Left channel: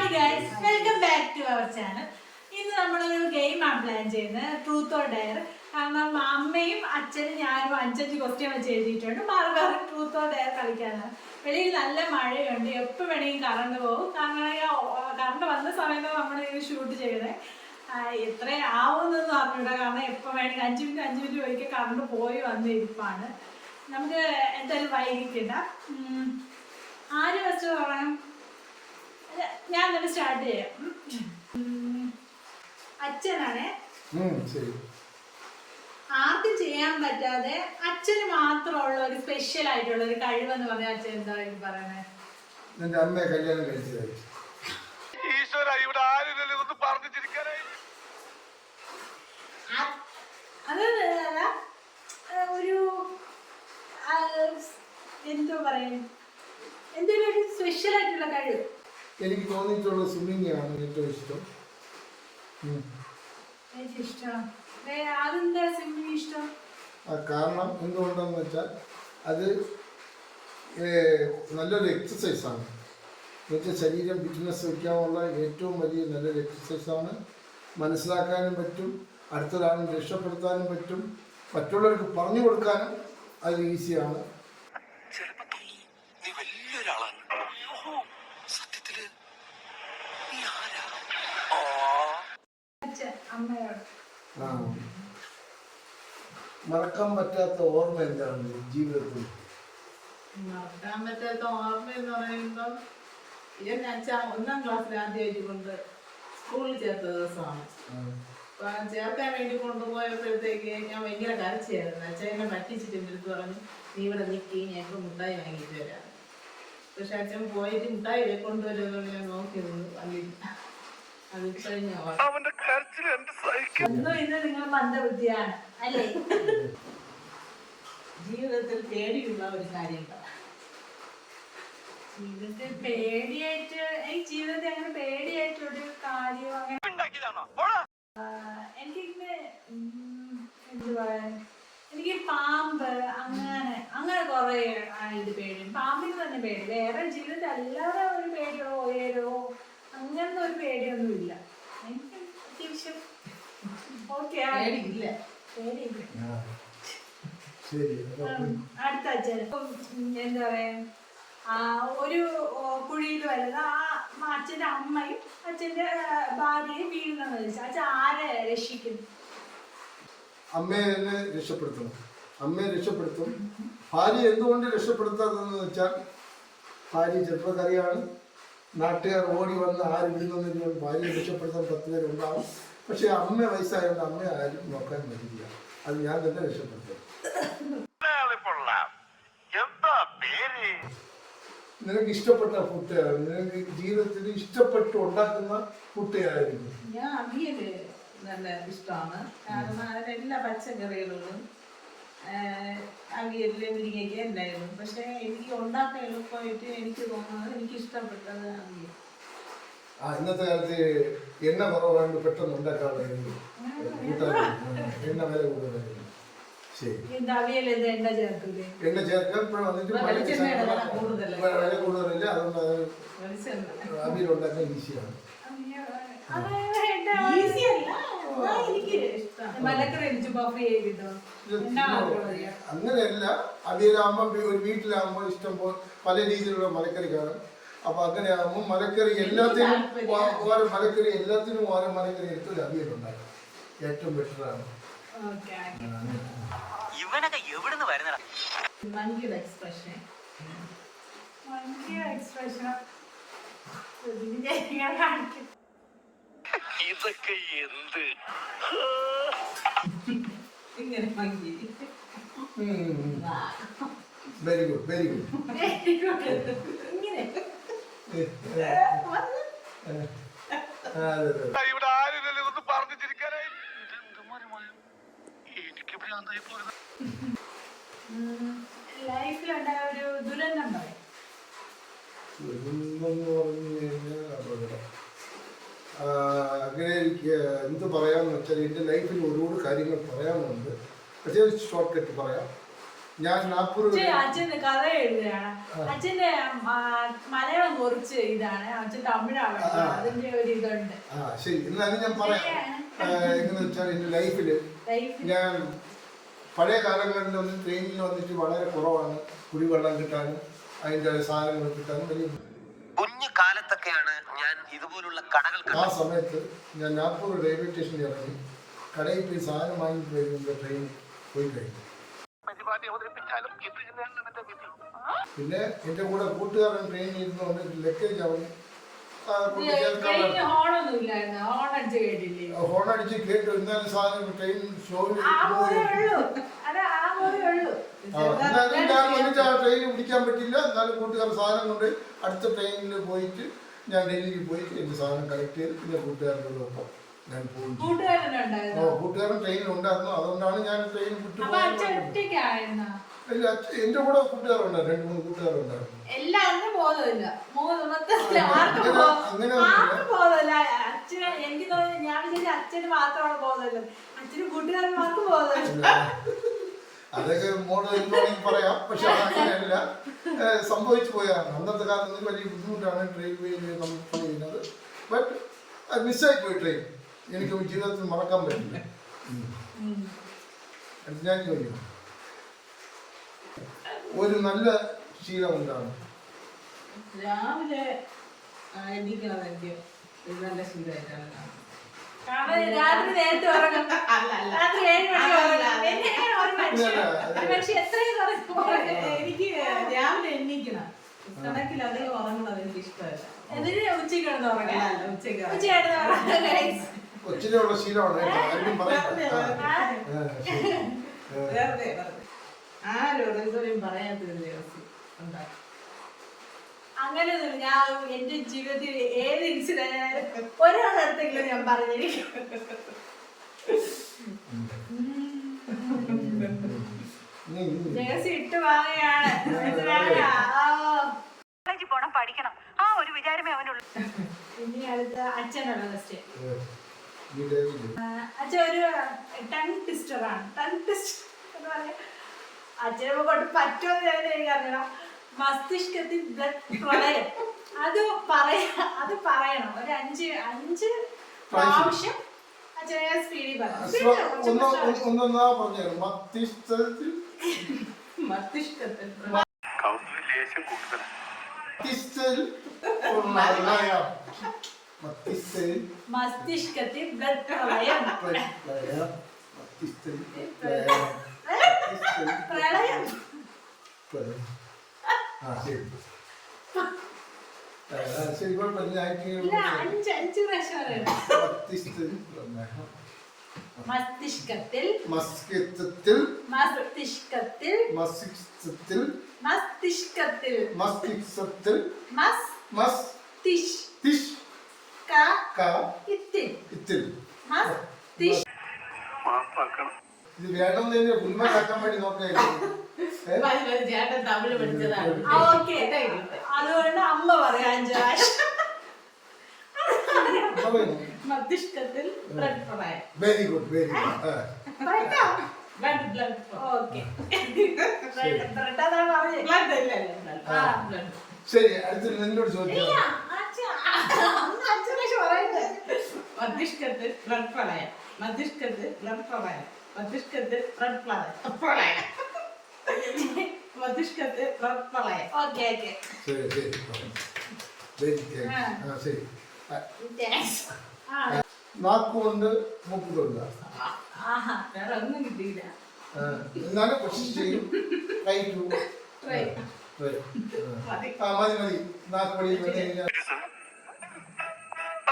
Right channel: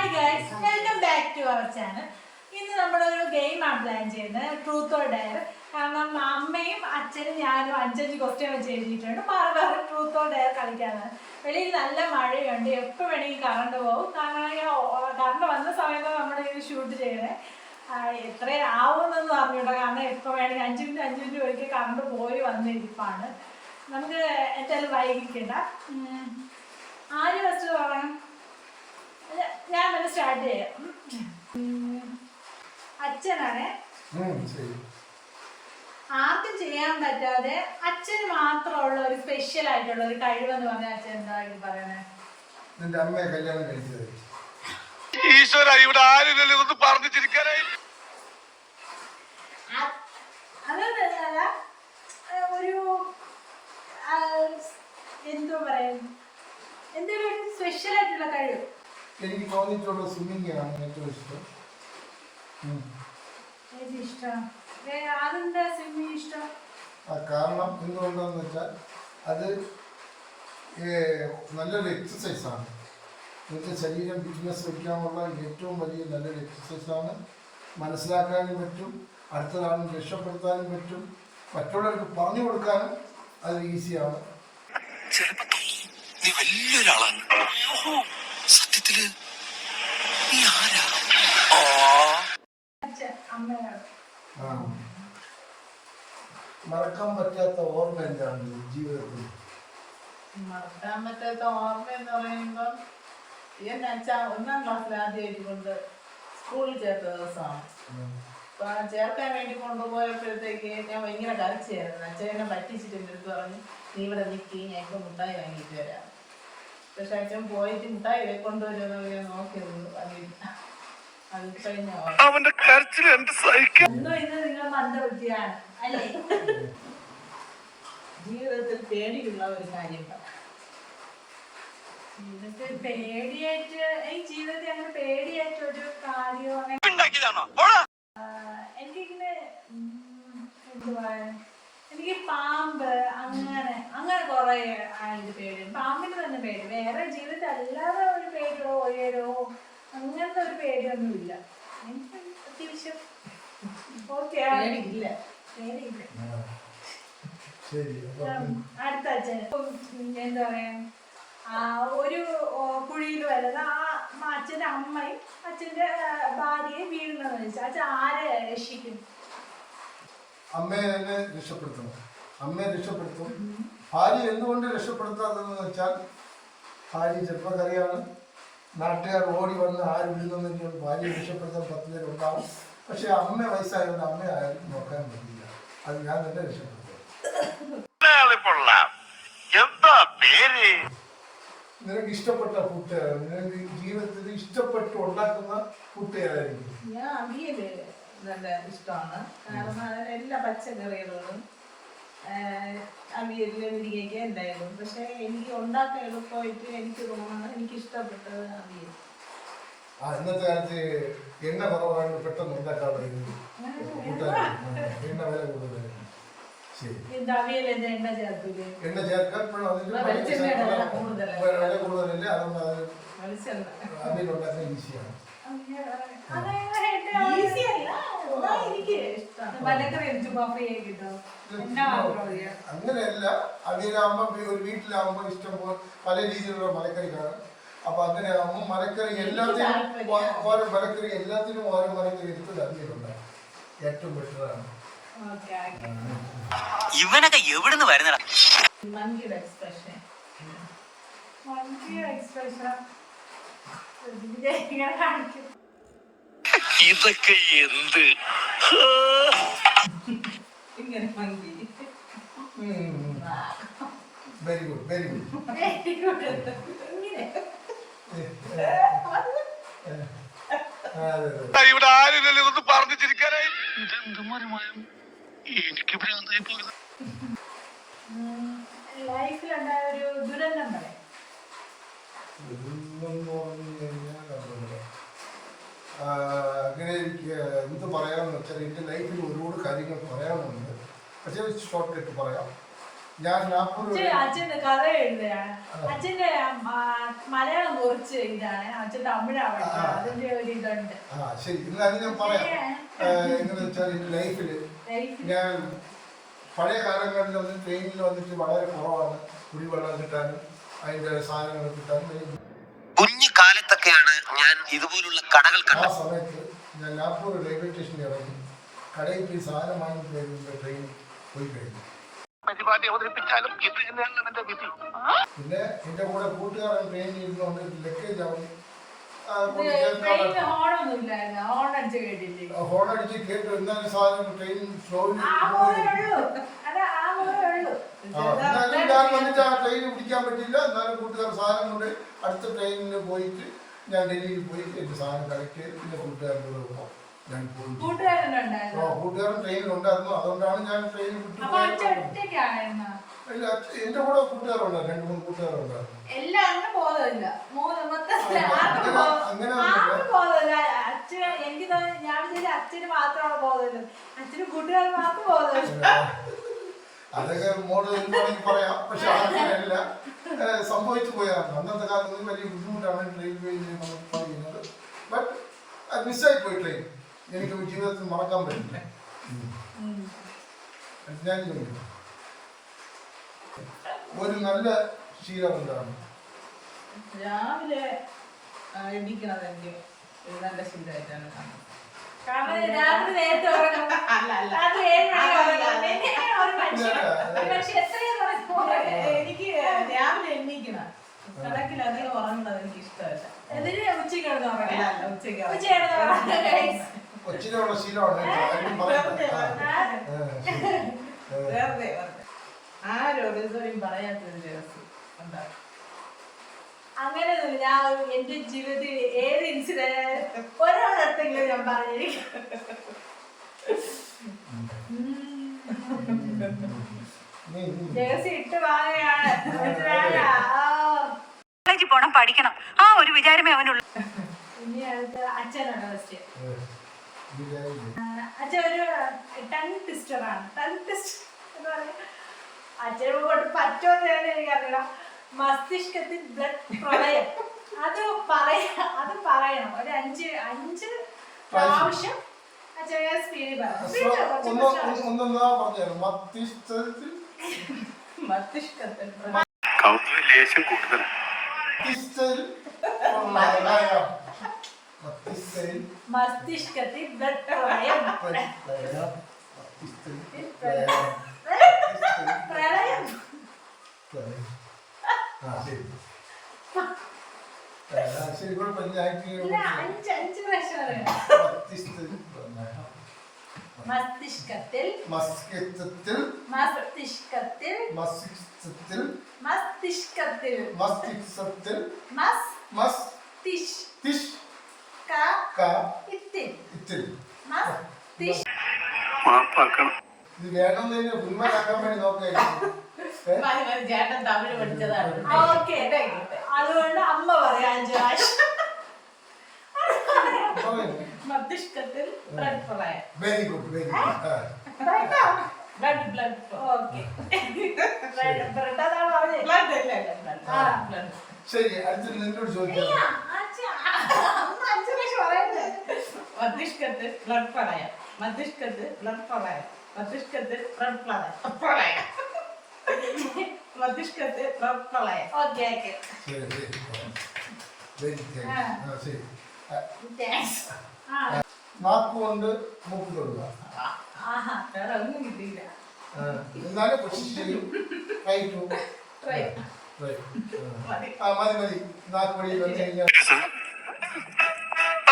Hi guys, welcome back to our channel. ഇന്ന് നമ്മളൊരു ഗെയിമാണ് പ്ലാൻ ചെയ്യുന്നത്, ട്രൂത്ത് ഓർ ഡെയർ. കാരണം അമ്മയും അച്ഛനും ഞാനും 5 ക്വസ്റ്റ്യൻ വെച്ച് എഴുതിയിട്ടുണ്ട്. മാറി മാറി ട്രൂത്ത് ഓർ ഡെയർ കളിക്കാനാണ്. വെളിയിൽ നല്ല മഴയുണ്ട്, എപ്പോൾ വേണമെങ്കിൽ കറണ്ട് പോകും. കറണ്ട് വന്ന സമയത്താണ് നമ്മൾ ഇത് ഷൂട്ട് ചെയ്തത്. എത്ര ആവുമെന്നൊന്നും അറിഞ്ഞൂടാ, കാരണം എപ്പോൾ വേണമെങ്കിൽ 5 മിനിറ്റ് ഒരിക്കൽ കറണ്ട് പോയി വന്നിരിപ്പാണ്. നമുക്ക് എന്തായാലും വൈകിക്കണ്ട. ആര് ഫസ്റ്റ് തുടങ്ങണം? ഞാൻ തന്നെ സ്റ്റാർട്ട് ചെയ്യാം. അച്ഛനാണേ. ആർക്കും ചെയ്യാൻ പറ്റാതെ അച്ഛന് മാത്രമുള്ള ഒരു സ്പെഷ്യൽ ആയിട്ടുള്ള ഒരു കഴിവെന്ന് പറഞ്ഞാൽ അച്ഛൻ എന്തായിട്ട് പറയണേ? അമ്മയെ കല്യാണം കഴിച്ചത്. അതല്ല, ഒരു എന്തോ പറയാൻ, എന്തെങ്കിലും ഒരു സ്പെഷ്യൽ ആയിട്ടുള്ള കഴിവ്. എനിക്ക് തോന്നിയിട്ടുള്ള സ്വിമ്മിങ് ആണ് ഏറ്റവും ഇഷ്ടം. അതെന്താ സ്വിമ്മിങ് ഇഷ്ടം? കാരണം എന്തുകൊണ്ടെന്ന് വെച്ചാൽ അത് നല്ലൊരു എക്സസൈസാണ്. എന്നുവെച്ചാൽ ശരീരം ഫിറ്റ്നസ് വയ്ക്കാനുള്ള ഏറ്റവും വലിയ നല്ലൊരു എക്സസൈസാണ്. മനസ്സിലാക്കാനും പറ്റും, അടുത്തൊരാളും രക്ഷപ്പെടുത്താനും പറ്റും, മറ്റുള്ളവർക്ക് പറഞ്ഞു കൊടുക്കാനും അത് ഈസിയാണ്. മറക്കാൻ പറ്റാത്ത ഓർമ്മ എന്താണ് ജീവിതത്തിൽ? മറക്കാൻ പറ്റാത്ത ഓർമ്മ എന്ന് പറയുമ്പം എന്നെ അച്ഛൻ 1ാം ക്ലാസ്സിൽ ആദ്യമായിട്ട് കൊണ്ട് സ്കൂളിൽ ചേർത്ത ദിവസമാണ്. അപ്പം ചേർക്കാൻ വേണ്ടി കൊണ്ടുപോയപ്പോഴത്തേക്ക് ഞാൻ ഭയങ്കര കരച്ചായിരുന്നു. അച്ഛൻ എന്നെ പറ്റിച്ചിട്ട് എൻ്റെ അടുത്ത് പറഞ്ഞു, നീ ഇവിടെ നിൽക്കി, ഞാൻ ഇപ്പോൾ മുട്ടായി വാങ്ങിയിട്ട് വരാം. പക്ഷെ അച്ഛൻ പോയിട്ട് മുട്ടായി കൊണ്ടുവരുമെന്ന് ഞാൻ നോക്കി നിന്ന് വന്നില്ല. അത് കഴിഞ്ഞ നിങ്ങൾ മന്ദബുദ്ധിയാണ് അല്ലേ? ജീവിതത്തിൽ പേടിയുള്ള ഒരു കാര്യം. ജീവിതത്തിൽ പേടിയായിട്ട്, ജീവിതത്തിൽ അങ്ങനെ പേടിയായിട്ട് ഒരു കാര്യം അങ്ങനെ എനിക്കിങ്ങനെ എന്തുവാ, എനിക്ക് പാമ്പ് അങ്ങനെ കുറെ ആയിട്ട് പേടിയുണ്ട്. പാമ്പിന് തന്നെ പേടി. വേറെ ജീവിതത്തിൽ അല്ലാതെ ഒരു പേടിയോ ഉയരോ അങ്ങനത്തെ ഒരു പേടിയൊന്നുമില്ല. എനിക്ക് അത്യാവശ്യം ഓക്കെ പേടിയില്ല. അടുത്ത അച്ഛൻ എന്താ പറയാ, ഒരു കുഴിയിൽ വരുന്നത് അച്ഛൻ്റെ അമ്മയും അച്ഛൻ്റെ ഭാര്യയെ വീഴുന്നതെന്ന് വെച്ചാൽ അച്ഛൻ ആരെ രക്ഷിക്കും? അമ്മയെ രക്ഷപ്പെടുത്തണം. അമ്മയെ രക്ഷപ്പെടുത്തും. ഭാര്യ എന്തുകൊണ്ട് രക്ഷപ്പെടുത്താതെന്ന് വെച്ചാൽ ഭാര്യ ചെറുപ്പക്കാരിയാണ്. നാട്ടുകാർ ഓടി വന്ന് ആര് വീഴുന്നെന്ന് ഭാര്യയെ രക്ഷപ്പെടുത്താൻ 10 പേരുണ്ടാവും. പക്ഷെ അമ്മ വയസ്സായതുകൊണ്ട് അമ്മയെ ആരും നോക്കാൻ പറ്റില്ല. അത് ഞാൻ തന്നെ രക്ഷപ്പെടുത്തും. നിനക്ക് ഇഷ്ടപ്പെട്ട ഫുഡ്, നിനക്ക് ജീവിതത്തിൽ ഇഷ്ടപ്പെട്ട് ഉണ്ടാക്കുന്ന ഫുഡ് ഏതായിരിക്കും? ഞാൻ അവിയല് നല്ല ഇഷ്ടമാണ്. കാരണം അതിന് എല്ലാ പച്ചക്കറികളും അവിയലിലെ മുരിങ്ങയ്ക്ക എന്തായാലും. പക്ഷെ എനിക്ക് ഉണ്ടാക്കാൻ എളുപ്പമായിട്ട് എനിക്ക് തോന്നുന്നത്, എനിക്ക് ഇഷ്ടപ്പെട്ടത് അവിയൽ. ഇന്നത്തെ കാലത്ത് എണ്ണ കുറവാണ്, പെട്ടെന്ന് ഉണ്ടാക്കാതെ എണ്ണ വില കൂടുതൽ. എണ്ണ ചേർക്കാൻ വില കൂടുതലല്ലേ, അതുകൊണ്ട് അത് അവിയൽ ഉണ്ടാക്കാൻ ഈസിയാണ്. അങ്ങനെയല്ല, അവിയലാകുമ്പോ ഒരു വീട്ടിലാകുമ്പോ ഇഷ്ടം പോലെ പല രീതിയിലുള്ള മലക്കറി കാണാം. അപ്പൊ അങ്ങനെയാകുമ്പോൾ മലക്കറി എല്ലാത്തിനും ഓരോ മലക്കറി എടുത്ത് അവിയലുണ്ടാകും. ഏറ്റവും ബെറ്ററാണ്. ഇവനൊക്കെ എവിടുന്ന് വരുന്നടാ? ഇതൊക്കെ എന്ത്? Very good, very good. ഇവിടെ ആരില്ലല്ലോ ഇതൊന്ന് പറഞ്ഞു ചിരിക്കാനായി. എനിക്ക് ഭ്രാന്തായി പോയത്. ലൈഫിലുണ്ടായ ഒരു ദുരന്തം പറയാം. അങ്ങനെ എനിക്ക് എന്ത് പറയാമെന്ന് വെച്ചാൽ എൻ്റെ ലൈഫിൽ ഒരുപാട് കാര്യങ്ങൾ പറയാനുണ്ട്. പക്ഷേ ഷോർട്ട് കട്ട് പറയാം. ഞാൻ നാഗ്പൂർ അച്ഛൻ കഥ എഴുതുകയാണ്. അച്ഛന്റെ മലയാളം കുറച്ച് ഇതാണ്, അച്ഛൻ തമിഴാണ് പഠിച്ചത്. അതിന്റെ ഒരു ഇതുണ്ട്. ശരി, എന്നാലും ഞാൻ പറയാം. എങ്ങനെ വെച്ചാൽ എന്റെ ലൈഫില് ഞാൻ പഴയ കാലങ്ങളിലൊന്നും ട്രെയിനിൽ വന്നിട്ട് വളരെ കുറവാണ് കുടിവെള്ളം കിട്ടാനും അതിൻ്റെ സാധനങ്ങൾ കിട്ടാനും വലിയ കുഞ്ഞു കാലത്തൊക്കെയാണ് ഞാൻ ഇതുപോലുള്ള കടകൾ ആ സമയത്ത് ഞാൻ നാഗ്പൂർ റെയിൽവേ സ്റ്റേഷനിൽ ഇറങ്ങി കടയിൽ പോയി സാധനം വാങ്ങിയിട്ട് വരുമ്പോൾ ട്രെയിൻ പോയി കഴിഞ്ഞു. പരിപാടി അവതരിപ്പിച്ചാലും ഇത് തന്നെയാണ് എന്റെ വിധി. പിന്നെ എൻ്റെ കൂടെ കൂട്ടുകാരൻ ട്രെയിനിൽ ഇരുന്നുകൊണ്ട് ലഗേജ് അവൻ ഹോൺ അടിച്ച് കേട്ടു. എന്നാലും സാധനം ട്രെയിൻ സ്ലോയിൽ ഞാൻ വന്നിട്ട് ആ ട്രെയിൻ പിടിക്കാൻ പറ്റില്ല. എന്നാലും കൂട്ടുകാർ സാധനം കൊണ്ട് അടുത്ത ട്രെയിനിൽ പോയിട്ട് ഞാൻ ഡൽഹിയിൽ പോയിട്ട് എൻ്റെ സാധനം കളക്ട് ചെയ്ത് പിന്നെ കൂട്ടുകാരൻ്റെ കൂടെ ഒപ്പം ഞാൻ പോയി. കൂട്ടുകാരൻ ട്രെയിനിലുണ്ടായിരുന്നു, അതുകൊണ്ടാണ് ഞാൻ ട്രെയിൻ വിട്ടു. എന്റെ കൂടെ കൂട്ടുകാരുണ്ടായിരുന്നു, 2-3 കൂട്ടുകാരുണ്ടായിരുന്നു. എല്ലാവരും ബോധമില്ല, അച്ഛൻ എനിക്ക് തോന്നുന്നു. ഞാൻ വിചാരിച്ചു അച്ഛന് മാത്രമാണ് ബോധമില്ല, അച്ഛനും കൂട്ടുകാരന്മാർക്ക് ബോധമില്ല. അതൊക്കെ മോഡ് എന്താണെങ്കിൽ പറയാം. പക്ഷെ അങ്ങനെയല്ല സംഭവിച്ചു പോയാണ്. അന്നത്തെ കാലത്ത് വലിയ ബുദ്ധിമുട്ടാണ് റെയിൽവേയിൽ നമ്മൾ ചെയ്യുന്നത്. ബട്ട് മിസ്സായി പോയി ട്രെയിൻ. എനിക്ക് ജീവിതത്തിൽ മറക്കാൻ പറ്റില്ല. ഞാൻ ചോദിക്കും, ഒരു നല്ല ശീലം എന്താണ്? രാവിലെ എണീക്കണത് എനിക്ക് നല്ല ശീലമായിട്ടാണ് കാണുന്നത്. രാത്രി നേരത്തെ ഉറങ്ങും. രാത്രി 7 മണിക്ക് എനിക്ക് രാവിലെ എണീക്കണം. കണക്കിൽ അധികം ഉറങ്ങുന്നത് എനിക്ക് ഇഷ്ടമല്ല. ഉച്ചയ്ക്ക് കൊച്ചിലുള്ള ശീലമാണ്. വെറുതെ ആരോടും പറയാത്തൊരു രഹസ്യം ഉണ്ടാക്കും. അങ്ങനെയൊന്നുമില്ല. ഞാൻ എന്റെ ജീവിതത്തിൽ ഏത് ഇൻസിഡന്റ് ഒരാളടുത്തെങ്കിലും ഞാൻ പറഞ്ഞിരിക്കും. രഹസ്യം ഇട്ട് വാങ്ങയാണ്. പോണം, പഠിക്കണം, ആ ഒരു വിചാരമേ അവനുള്ളൂ. ഇനി അടുത്ത അച്ഛനുള്ള ക്വസ്റ്റ്യൻ. അച്ഛൻ ഒരു ടങ് ട്വിസ്റ്ററാണ്. ടങ് ട്വിസ്റ്റർ എന്ന് പറഞ്ഞാൽ അച്ഛനെ കൊണ്ട് പറ്റുമെന്ന് എനിക്കറിയണം. മസ്തിഷ്കത്തിൽ ബ്ലഡ് പ്രളയം അത് പറയണം. ഒരു 5 പ്രാവശ്യം അച്ഛനെ സ്പീഡിൽ മസ്തിഷ്കത്തിൽ ബ്ലഡ് പ്രളയം. പ്രളയം ശരി, കുഴപ്പമില്ല. 5 പ്രാവശ്യം പറയണം. മസ്തിഷ്കത്തിൽ മസ്തിഷ്കത്തിൽ മസ്തിഷ്കത്തിൽ മസ്തിഷ്കത്തിൽ മസ്തിഷ്കത്തിൽ മസ്തിഷ്കത്തിൽ മസ്തിഷ്കത്തിൽ മാപ്പാക്കണം. ഇത് വേണമെന്ന് ഉന്മേഷാക്കാൻ വേണ്ടി നോക്കുകയായിരുന്നു. ചേട്ടൻ തമിഴ് പഠിച്ചതാണ്. അതുകൊണ്ട് അമ്മ പറയാം 5 പ്രാവശ്യം. മസ്തിഷ്കത്തിൽ ബ്ലഡ് പ്രളയം. Very good, very good. Blood okay. Blood അതാ പറഞ്ഞത്. ബ്ലഡ്. ശരി, അടുത്ത നിന്നോട് ചോദിക്കാം. മസ്തിഷ്കത്തിൽ ബ്ലഡ് പ്രളയം. മസ്തിഷ്കത്തിൽ ബ്ലഡ് പ്രളയം. മസ്തിഷ്കത്തിൽ ബ്ലഡ് പ്രളയം. മസ്തിഷ്കത്തിൽ ബ്ലഡ് പ്രളയം. Okay okay. ശരി ശരി, വെരി താങ്ക്സ്. ശരി, നാക്കുകൊണ്ട് മൂക്ക് തൊടുക. വേറെ ഒന്നും കിട്ടിയില്ല. എന്നാലും കൊച്ചു ചെയ്യും. മതി. നാക്ക് വഴി വന്നു കഴിഞ്ഞാൽ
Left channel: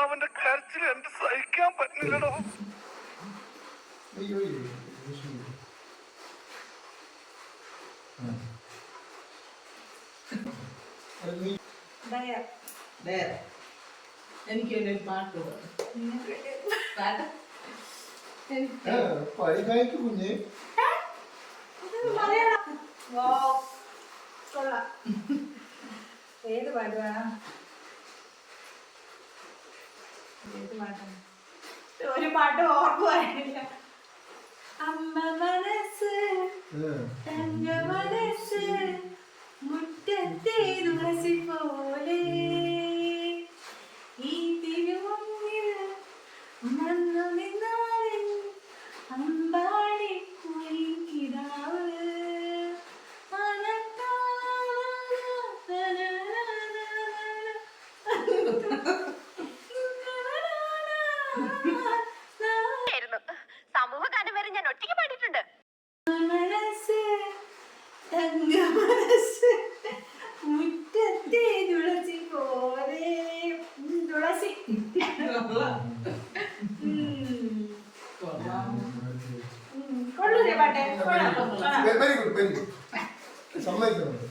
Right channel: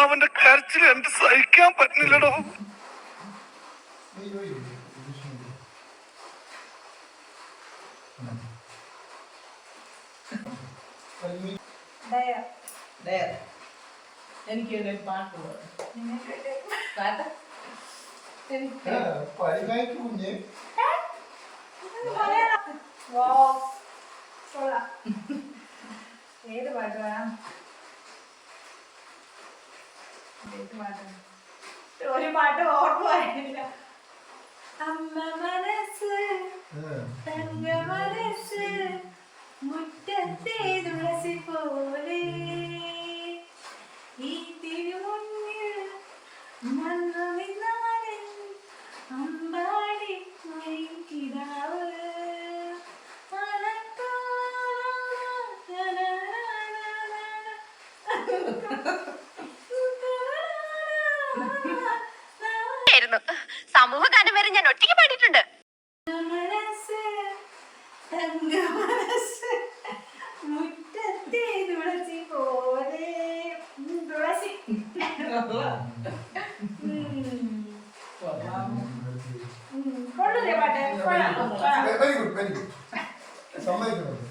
അവന്റെ കരച്ചിൽ എന്ത് സഹിക്കാൻ പറ്റില്ലടോ. എനിക്ക് ഒരു പാട്ട് പാട്ട് പഠിക്കായിട്ട് കുഞ്ഞ് ഏത് പാട്ട് വേണം? ഏത് പാട്ടാണ്? ഒരു പാട്ട് ഓർമ്മ വരുന്നില്ല. അമ്മ മനസ്സ് തങ്ക മനസ്സ് മുറ്റത്തെ തുളസി പോലെ ഈ തിരുമുന്നിൽ വന്നു നിന്നാലൻ അമ്പാടി കിടാവ് സമൂഹഗാനം വരെ ഞാൻ ഒറ്റയ്ക്ക് പാടിയിട്ടുണ്ട്. മനസ്സ് തങ്ക മനസ്സ് മുറ്റത്തെ തുളസി പോലെ തുളസി കൊള്ളൂലേ പാട്ടെ? കൊള്ളാം, കൊള്ളാം. വെരി ഗുഡ് വെരി ഗുഡ് സമ്മതിക്കുന്നുണ്ട്.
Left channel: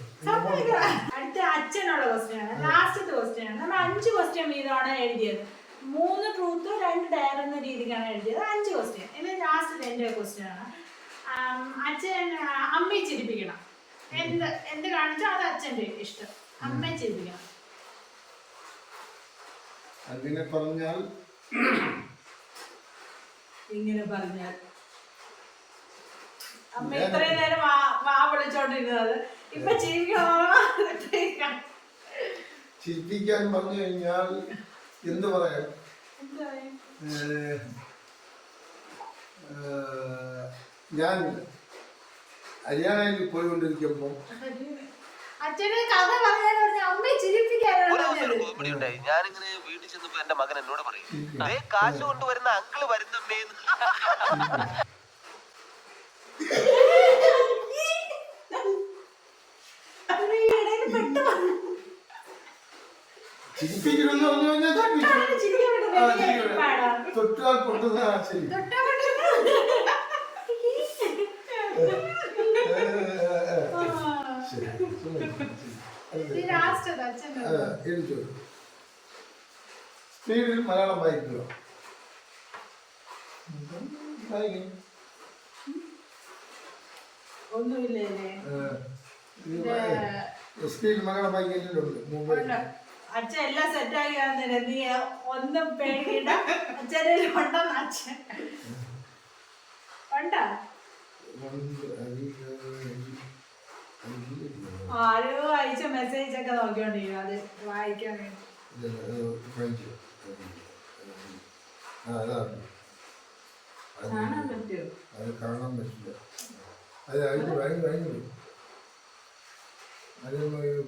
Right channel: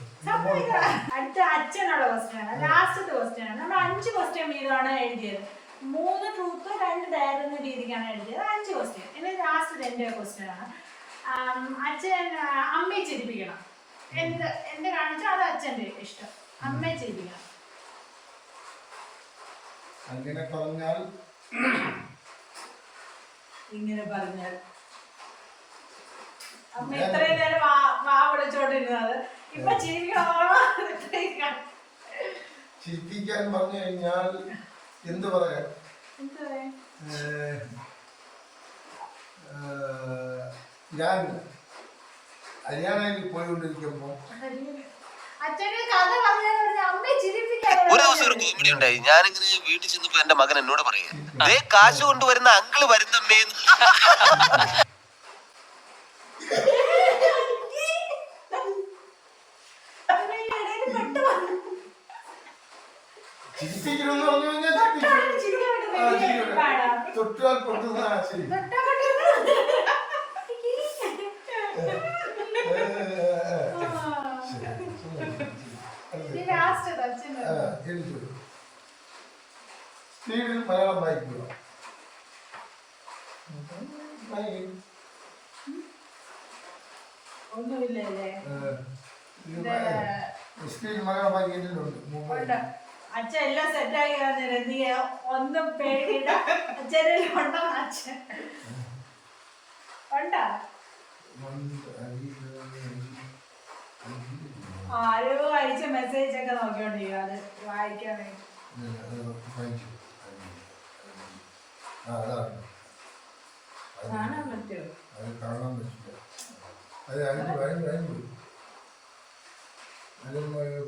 അടുത്ത അച്ഛനുള്ള ക്വസ്റ്റ്യൻ ആണ്, ലാസ്റ്റത്തെ ക്വസ്റ്റ്യൻ ആണ്. നമ്മൾ 5 ക്വസ്റ്റ്യൻ വീതമാണ് എഴുതിയത്. 3 ട്രൂത്ത് 2 ഡയർ എന്ന രീതിക്കാണ് എഴുതിയത്. 5 ക്വസ്റ്റ്യൻ. ഇനി ലാസ്റ്റ് എൻ്റെ ക്വസ്റ്റ്യൻ ആണ്. അച്ഛൻ അമ്മയെ ചിരിപ്പിക്കണം. എന്ത് കാണിച്ചോ അത് അച്ഛൻ്റെ ഇഷ്ടം. അമ്മയെ ചിരിപ്പിക്കണം. അങ്ങനെ പറഞ്ഞാൽ ഇങ്ങനെ പറഞ്ഞാൽ അമ്മ ഇത്രയും നേരം വാ വിളിച്ചോണ്ടിരുന്നത് ഇപ്പൊ ചിരിക്കണോ? ചിരിപ്പിക്കാൻ പറഞ്ഞു കഴിഞ്ഞാൽ എന്ത് പറയാൻ, ഞാൻ ഹരിയാനയിൽ പോയിക്കൊണ്ടിരിക്കുമ്പോൾ അച്ഛന് കഥ പറയാൻ അമ്മയെ ചിരിപ്പിക്കാൻ ഒരു ദിവസം ഒരു കോമഡി ഉണ്ടായി. ഞാനിങ്ങനെ വീട്ടിൽ ചെന്നപ്പോ എന്റെ മകൻ എന്നോട് പറയാ, ദേ കാശ് കൊണ്ടുവരുന്ന അങ്കിള് വരുന്നമ്മേന്ന്. ചിരിപ്പിക്കണമെന്ന് പറഞ്ഞു കഴിഞ്ഞാൽ തൊട്ടാൽ പൊട്ടുന്ന ശരി. സ്പീഡിൽ മലയാളം വായിക്കുക. ഒന്നുമില്ലേ? സ്പീഡിൽ മലയാളം വായിക്കുന്നുണ്ട് മുമ്പ്. അച്ഛൻ എല്ലാം സെറ്റായി നീ ഒന്നും പേടിയിട. അച്ഛനെല്ലാം ഉണ്ടെന്ന് അച്ഛൻ ഉണ്ടാ. ആരോ അയച്ച മെസ്സേജ് ഒക്കെ നോക്കിക്കൊണ്ടിരിക്കും അത് വായിക്കാൻ വേണ്ടി. കാണാൻ പറ്റുമോ? അത് കാണാൻ പറ്റില്ല. അത് ഭയങ്കര അത്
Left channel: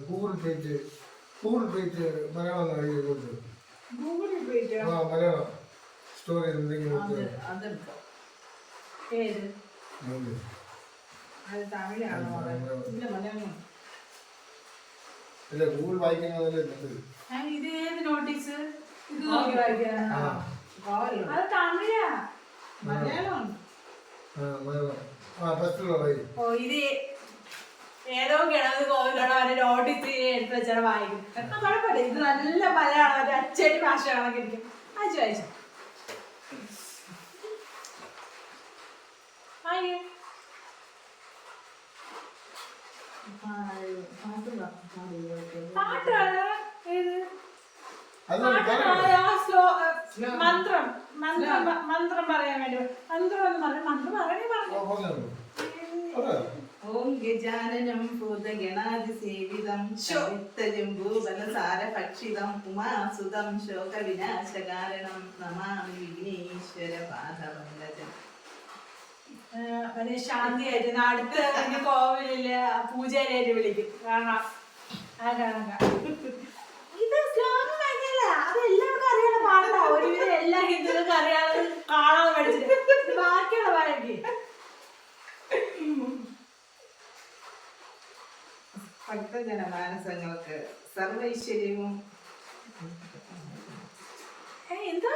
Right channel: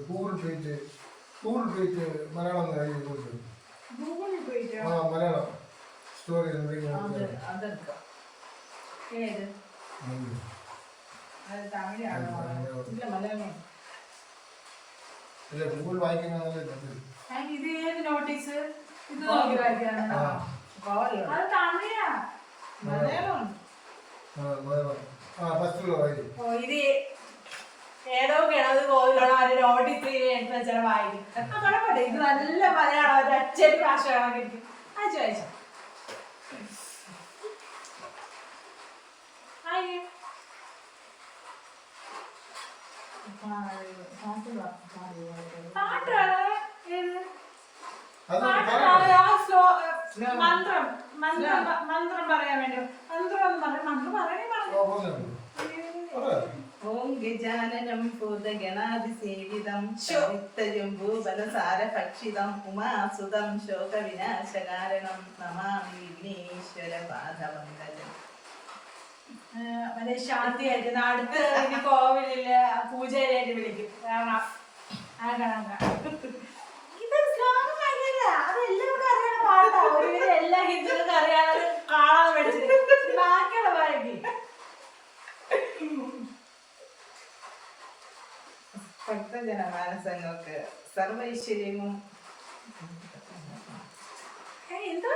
ഗൂഗിൾ പേജ് മലയാളം കഴിയുന്നുണ്ട്. ഗൂഗിളിൽ പോയിട്ടോ? ആ മലയാളം സ്റ്റോറി എന്തെങ്കിലും അതെടുക്കാം. ഏത്? അത് തമിഴാണോ? ഇല്ല മലയാളം. ഇല്ല ഗൂഗിൾ വായിക്കുന്നതല്ലേ നല്ലത്. ഇത് ഏത് നോട്ടീസ്? ഇത് നോക്കി വായിക്കാനാണ്. അത് തമിഴാ. മലയാളം. ഓ ഇത് ഏതോ കിണത് കോവിലുള്ള ഒരു നോട്ടീസ് എടുത്ത് വെച്ചാൽ വായിക്കും. കുഴപ്പമില്ല, ഇത് നല്ല മലയാളം ഒരു അച്ചടി ഭാഷ കണക്കിരിക്കും. അയച്ചു വായിച്ചു. പാട്ടാണ് ഇത്. മന്ത്രം മന്ത്രം മന്ത്രം പറയാൻ വേണ്ടി മന്ത്രം എന്ന് പറഞ്ഞു. മന്ത്രം പറയണേ പറഞ്ഞു. ഓം ഗജാനനം ഭൂതഗണാതിസേവിതം ശോക്തജംബൂബലസാര ഭക്ഷിതം ഉമാസുതം ശോകവിനാശകാരണം നമാമി വിഘ്നേശ്വര പാദപങ്കജം. ശാന്തിയായിട്ട് അടുത്ത് കോവിലില് പൂജാരിയായിട്ട് വിളിക്കും. കാണാം. ഇത് സ്ലോങ് അങ്ങനെയല്ല, അത് എല്ലാവർക്കും അറിയാനുള്ള പാട്ടാ. ഒരുവിധം എല്ലാ ഹിന്ദുക്കൾക്കും അറിയാതെ കാണാൻ പഠിച്ചിട്ട് ബാക്കിയുള്ള പാരൊക്കെ ഭക്തജനമാനസങ്ങൾക്ക് സർവൈശ്വര്യവും എന്താ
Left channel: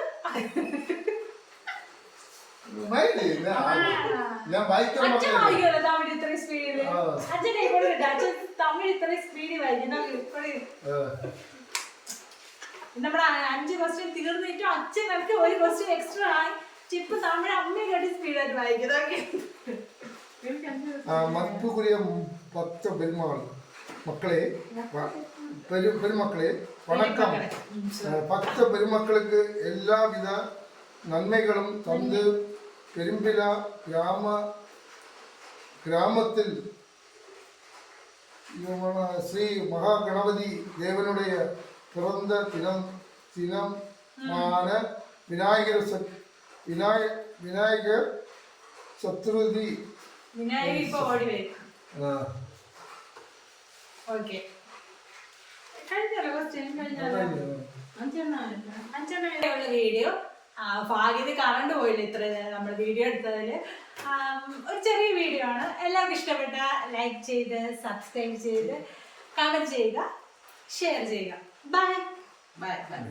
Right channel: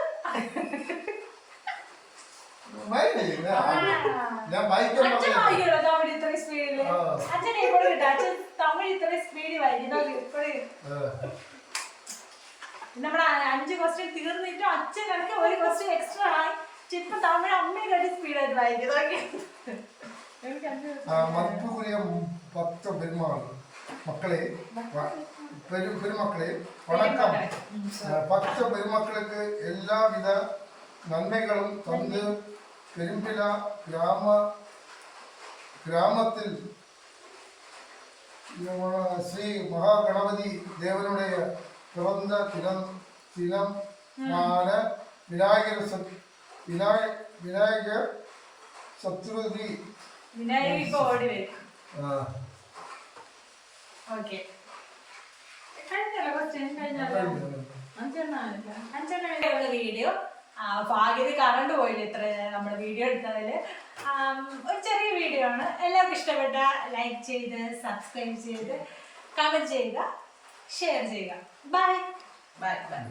ഞാൻ വായിക്കാൻ അച്ഛൻ വായിക്കുമല്ലോ തമിഴ് ഇത്രയും സ്പീഡില്. അച്ഛനെ ഇവിടെ കിട്ടും. അച്ഛൻ തമിഴ് ഇത്രയും സ്പീഡിൽ വായിക്കും. നമ്മുടെ 5 ക്വസ്റ്റ്യൻ തീർന്നിട്ടും അച്ഛൻ എനിക്ക് ഒരു ക്വസ്റ്റ്യൻ എക്സ്ട്രാ ആയി. ഇപ്പൊ തമിഴ് അമ്മയും കടി സ്പീഡായിട്ട് വായിക്കുന്നതൊക്കെ. മതിപ്പുക്കുரிய 10 പെരുമക്കളെ പെരുമക്കളെ വണക്കം. 10 പെരുമക്களுக்கு എല്ലാவித നന്മകളും തന്ന് പെരുമ്പില ഗ്രാമത്തിൽ ശ്രീ மகாகணபதி தேவனுடைய பிறந்த தினமான விநாயகர் சதுர்த்தி. വിനായക ഇപ്പൊ ഓടി വരും. ഓക്കെ, കഴിഞ്ഞല്ലോ ക്വസ്റ്റ്യൻ, കഴിഞ്ഞല്ലോ. അഞ്ചെണ്ണ വീഡിയോ. ഭാഗ്യത കറണ്ട് പോയില്ല ഇത്ര നമ്മൾ വീഡിയോ എടുത്തതിൽ. ഒരു ചെറിയ വീഡിയോ ആണ്. എല്ലാവർക്കും ഇഷ്ടപ്പെട്ട ലൈക്ക് ചെയ്ത് സബ്സ്ക്രൈബ് ചെയ്ത് കമൻറ്റ് ചെയ്യുക, ഷെയർ ചെയ്യുക. Bye bye bye.